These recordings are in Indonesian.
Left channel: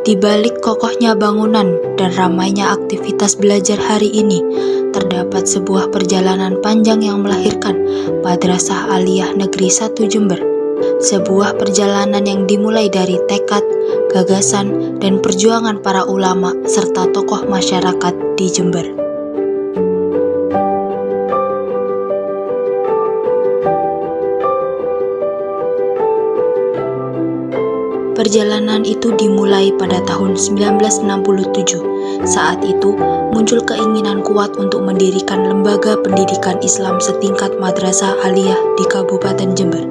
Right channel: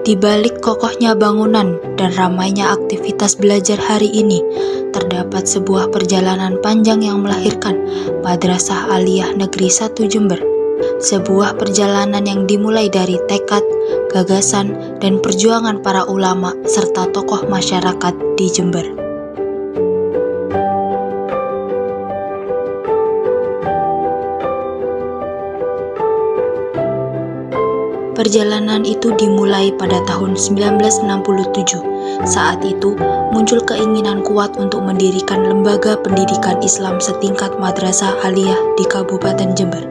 Di balik kokohnya bangunan dan ramainya aktivitas belajar hari ini, terdapat sebuah perjalanan panjang yang melahirkan Madrasah Aliyah Negeri 1 Jember. Sebuah perjalanan yang dimulai dari tekad, gagasan, dan perjuangan para ulama serta tokoh masyarakat di Jember. Perjalanan itu dimulai pada tahun 1967. Saat itu muncul keinginan kuat untuk mendirikan lembaga pendidikan Islam setingkat Madrasah Aliyah di Kabupaten Jember.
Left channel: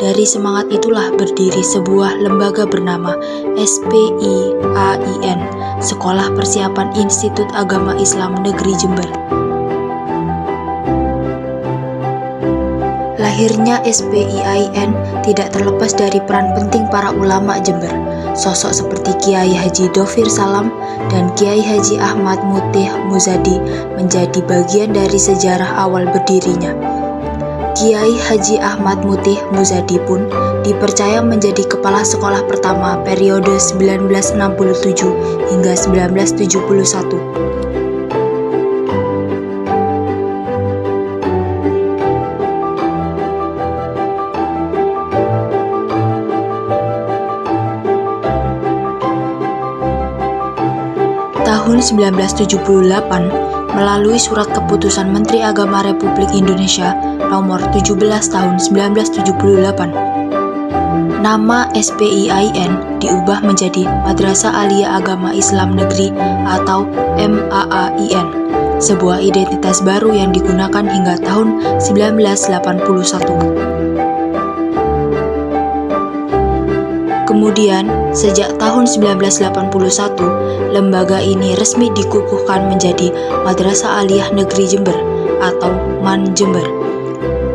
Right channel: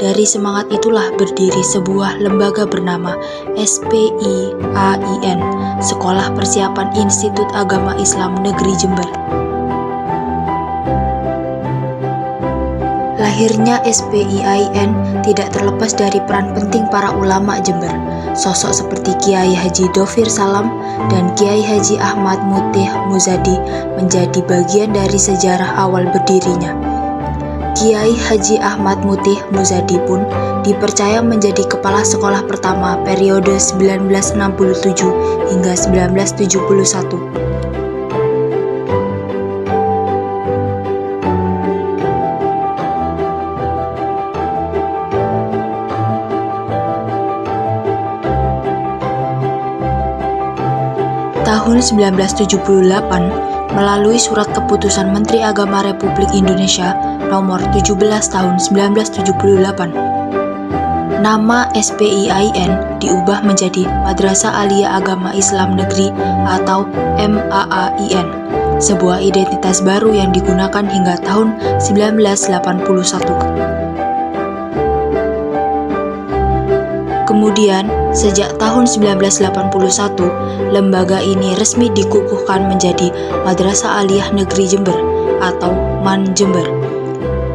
Dari semangat itulah berdiri sebuah lembaga bernama SPIAIN, Sekolah Persiapan Institut Agama Islam Negeri Jember. Lahirnya SPIAIN tidak terlepas dari peran penting para ulama Jember. Sosok seperti Kiai Haji Dhofir Salam dan Kiai Haji Ahmad Mutih Muzadi menjadi bagian dari sejarah awal berdirinya. Kiai Haji Ahmad Mutih Muzadi pun dipercaya menjadi kepala sekolah pertama periode 1967 hingga 1971. Tahun 1978, melalui Surat Keputusan Menteri Agama Republik Indonesia Nomor 17 Tahun 1978, nama SPIAIN diubah menjadi Madrasah Aliyah Agama Islam Negeri atau MAAIN, sebuah identitas baru yang digunakan hingga tahun 1981. Kemudian, sejak tahun 1981, lembaga ini resmi dikukuhkan menjadi Madrasah Aliyah Negeri Jember atau MAN Jember.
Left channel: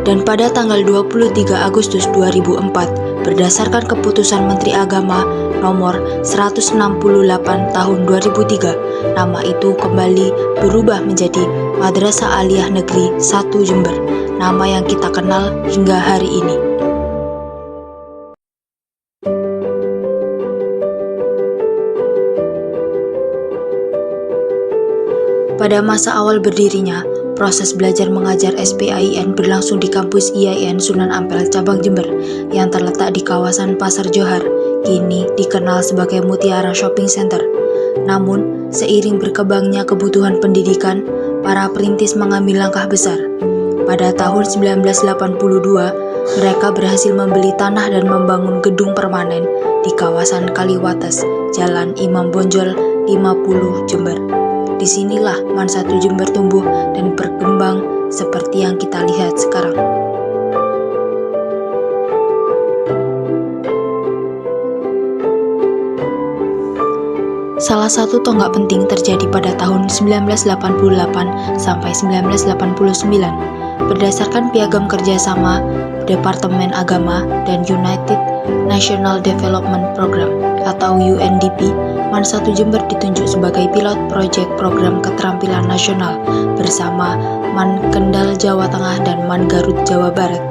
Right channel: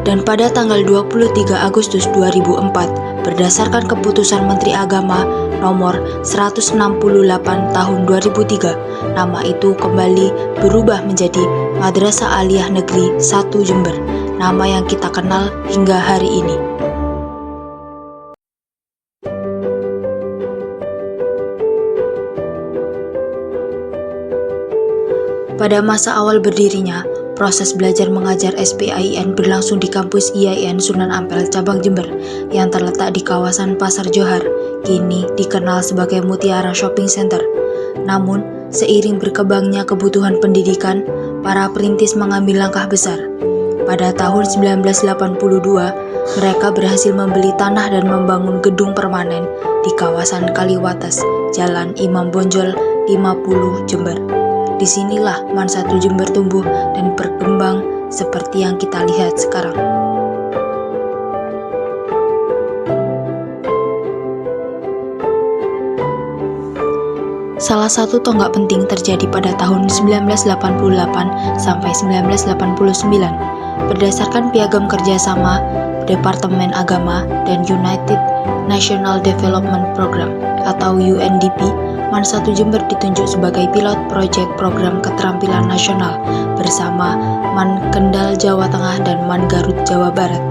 Dan pada tanggal 23 Agustus 2004, berdasarkan keputusan Menteri Agama nomor 168 tahun 2003, nama itu kembali berubah menjadi Madrasah Aliyah Negeri 1 Jember, nama yang kita kenal hingga hari ini. Pada masa awal berdirinya, proses belajar mengajar SPIAIN berlangsung di kampus IAIN Sunan Ampel Cabang Jember yang terletak di kawasan Pasar Johar, kini dikenal sebagai Mutiara Shopping Center. Namun, seiring berkembangnya kebutuhan pendidikan, para perintis mengambil langkah besar. Pada tahun 1982, mereka berhasil membeli tanah dan membangun gedung permanen di kawasan Kaliwates, Jalan Imam Bonjol 50 Jember. Disinilah MAN 1 Jember tumbuh dan berkembang seperti yang kita lihat sekarang. Salah satu tonggak penting terjadi pada tahun 1988 sampai 1989 berdasarkan piagam kerjasama Departemen Agama dan United National Development Program atau UNDP. MAN 1 Jember ditunjuk sebagai pilot proyek program keterampilan nasional bersama MAN Kendal Jawa Tengah dan MAN Garut Jawa Barat.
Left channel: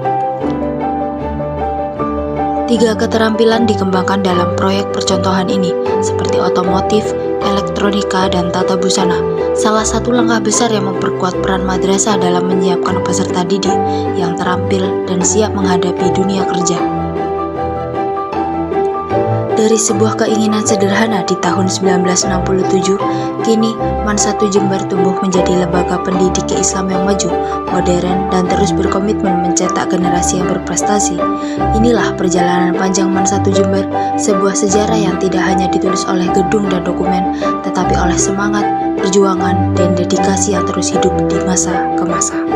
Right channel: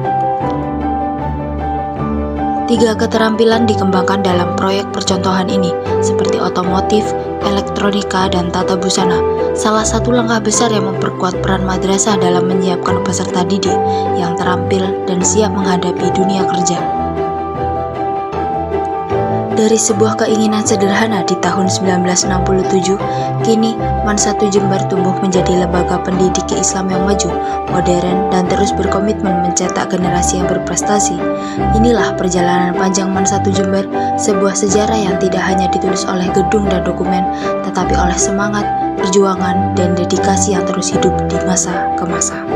3 keterampilan dikembangkan dalam proyek percontohan ini, seperti otomotif, elektronika, dan tata busana. Salah satu langkah besar yang memperkuat peran madrasah dalam menyiapkan peserta didik yang terampil dan siap menghadapi dunia kerja. Dari sebuah keinginan sederhana di tahun 1967, kini MAN 1 Jember tumbuh menjadi lembaga pendidik Islam yang maju, modern, dan terus berkomitmen mencetak generasi yang berprestasi. Inilah perjalanan panjang MAN 1 Jember, sebuah sejarah yang tidak hanya ditulis oleh gedung dan dokumen, tetapi oleh semangat, perjuangan, dan dedikasi yang terus hidup di masa ke masa.